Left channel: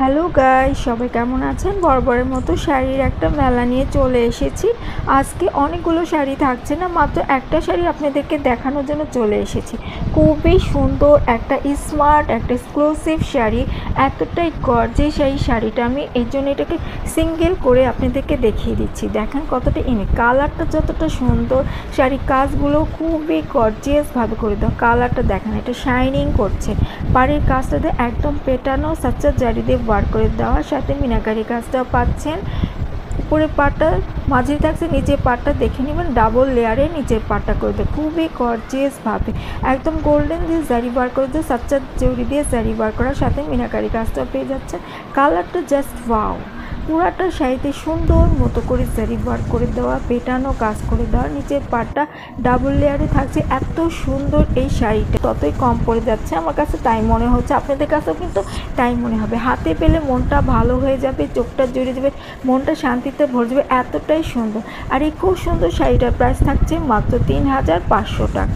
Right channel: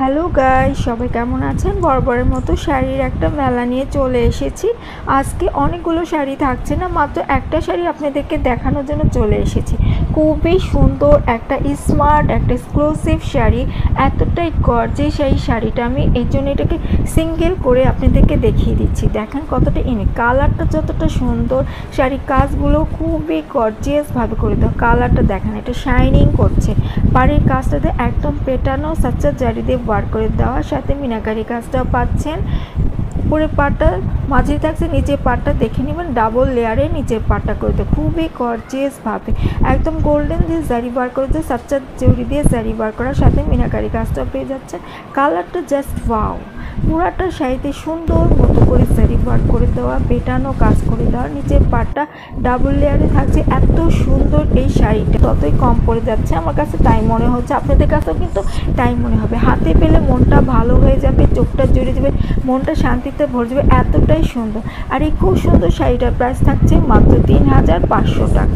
Hello guys, সবাই কেমন আছেন? বরাবরের মতো শাড়ির একটা মেলা নিয়ে চলে এসেছি। আজকে অনেকগুলো শাড়ি থাকছে না, মাত্র একটা শাড়ি আপনাদেরকে দেখানোর জন্য চলে এসেছি। খুবই সুন্দর একটা স্মার্ট একটা এক্সক্লুসিভ শাড়ি, এতটাই গর্জিয়াস এই শাড়িটা। আমি এই জন্য এটাকে সিঙ্গেল করে আপনাদেরকে দেখিয়ে দিচ্ছি। দেখেন কতটা ইউনিক, কালারটা যতটা সুন্দর, শাড়ির কাজগুলো খুবই গর্জিয়াসভাবে করে দেওয়া। কালারটা দেখেন, এটা শাইনিং করছে। পাড়ের কাজটাতে একদম পেটানো সাচ্চা জারি দিয়ে বার করে দেওয়ার সাথে মিনাকারি কাজটাও পাচ্ছেন। উপরের পাটটা মাঝে থাকছে, নিচের পাটটা দেখে নেবেন ডাবল লেয়ারে নিচের পাটটা করে দেয় খুবই গর্জিয়াসভাবে। একদম গোল্ডেন দিয়ে জারি বার করে দেয়, সাচ্চা জরি দিয়ে জারি বার করার সাথে মিনাকারি কাজটাও পেয়ে যাচ্ছেন। কালারটা জাস্ট ওয়াও। পুরাটা শাড়িতে সুন্দর মতো করে জারি বার করে দেওয়া, পেটানো কাজ করে দেওয়া, নিচের পাটটা ডাবল লেয়ারে থাকছে। এত সুন্দর এই শাড়িটা, ততই কম পড়ে যাচ্ছে আমার কাছে তাই মনে হচ্ছে, আপনাদের কাছেও কিন্তু তাই মনে হবে। হাতে পেলে মনটা ভালো হয়ে যাবে, চোখটা জুড়ে যাবে, মনটা শান্তিতে ভরে যাবে, এতটাই সুন্দর। আর এই খুব সুন্দর শাড়িটার প্রাইস থাকছে মাত্র ৩,৫০০ টাকা।